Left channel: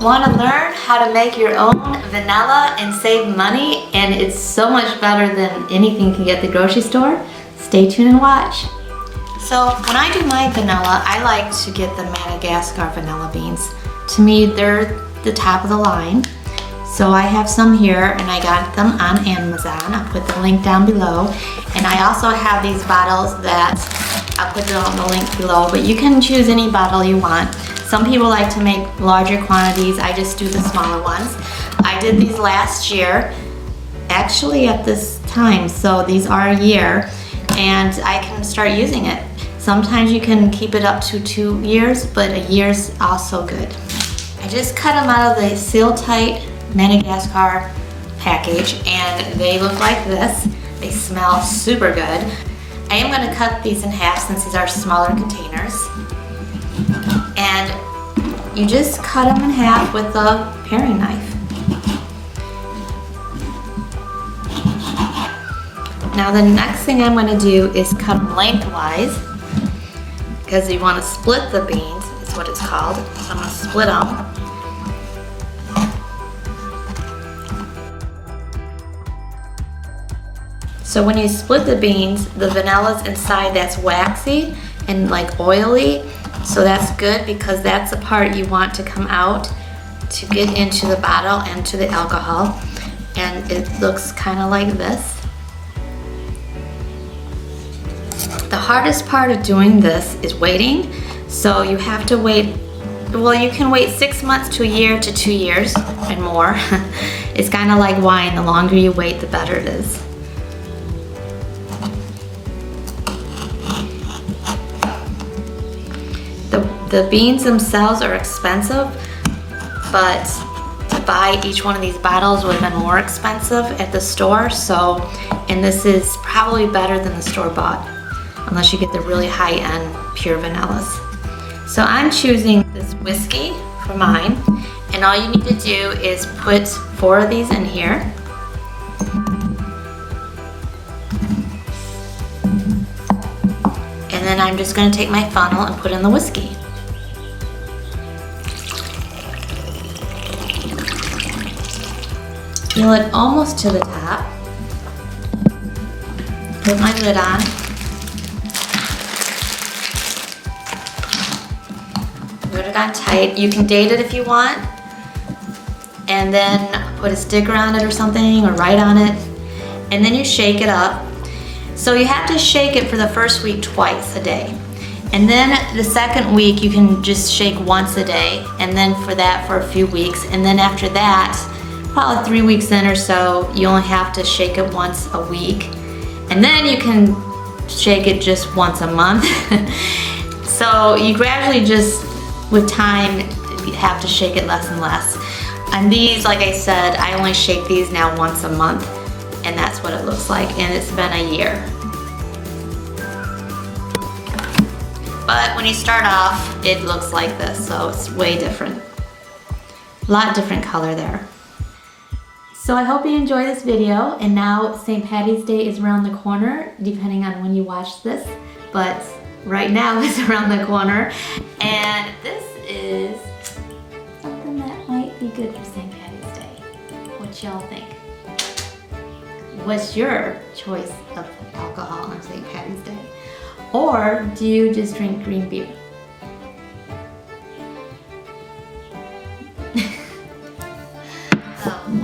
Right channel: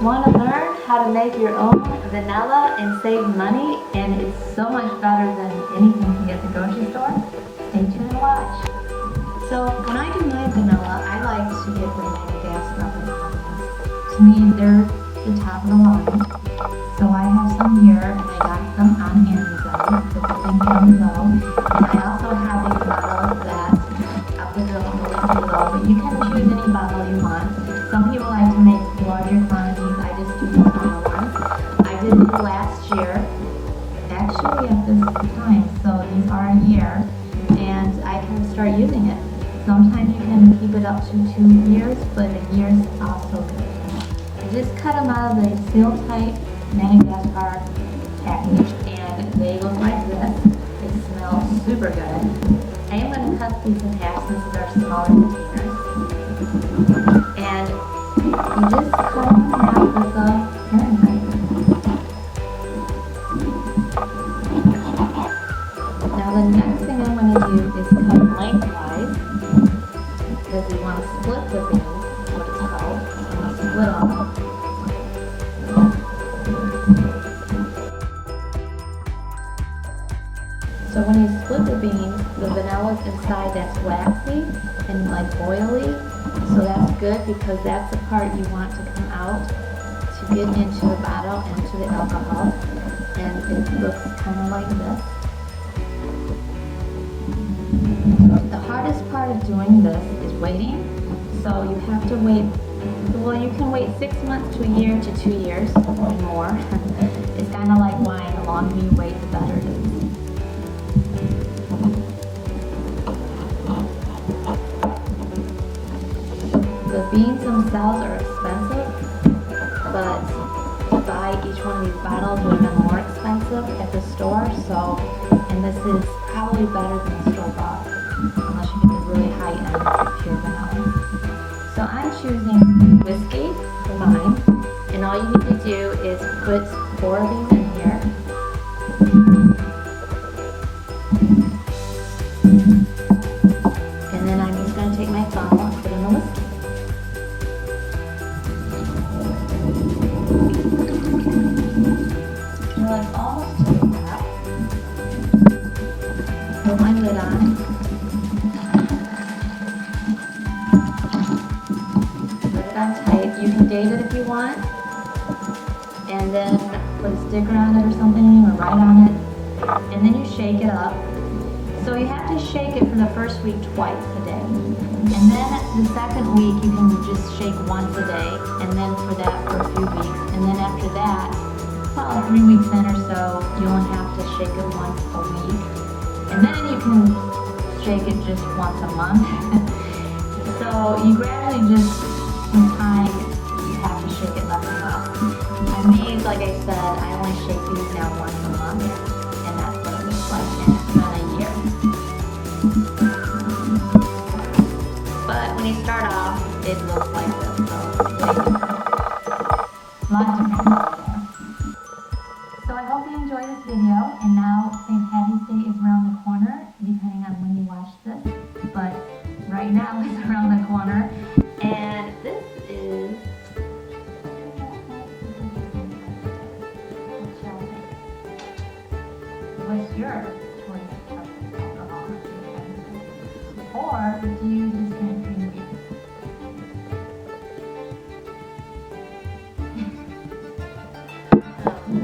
Want to learn how to make your own vanilla and save money, and it's so much better than anything you can get at the grocery store? Stay tuned and watch. So when I do my vanilla, I like to get the Madagascar Vanilla Beans. To me, they're the top of the line. So I have some here, and I got them on Amazon. I'll put the link down below. And I also have these bottles that I'll put down the link below, but you can choose any bottle you want. Some people like to make larger quantities. I just do the smaller ones. I did these last year, actually at this time, so these are a year, and I can start using it. Sometimes you can keep it up to 2 years, but a year's also good. I just cut them out of the seal-tight Madagascar package, and they look like this. They smell super good. I am going to cut these in half since these are smaller containers. And you just cut them in half with a paring knife. Now the next thing I'm going to do is cut them lengthwise, because you want to split the beans, is what it's called. So I'm going to split them. So when you split the beans, the vanilla's inside that's waxy and like oily. So that's good, because that's the part you want to come out to get into the bottle and to the alcohol. And it looks kind of like this. The hardest part of doing this is waiting. So you have to wait, well, you can wait 6 months to a year to 2 years and more. It's kind of like wine. The longer you wait, the better it is. The beans themselves are expensive, but to buy each one of these bottles would have been more expensive at the store. So, and this is probably better than the store-bought, unless you get the really high-end pure vanillas. So I'm choosing this whiskey for mine, and all you need to do is put 4 of these in here. And then I'm just going to take my funnel and put in the whiskey. Fill it almost to the top. Put my lid on. Put it on tight. You can date it if you want, and then put a sticker on it or something, or write on it, and then you shake it up. So you have to shake it for the first week twice a day. And then the second week you can just shake once a day, and then for that for a few weeks. And then after that, probably 3 weeks in or so, you only have to shake it once a week. And then you can shake it just once a month. So you gradually just, with time, you have to shake it less and less. And these, like I said, I only shake these now once a month, and that's what it looks like, and it's been a year. But when you start off, it looks like this, so it's way different. A lot different color there. So I hope you enjoy this video, and now St. Patty's Day is around the corner, depending on when you watch this, but right now it's around the corner. And this is something that might be good for St. Patty's Day. What y'all think? What's your choice of alcohol on St. Patty's Day? Or do you just drink green beer? Oh.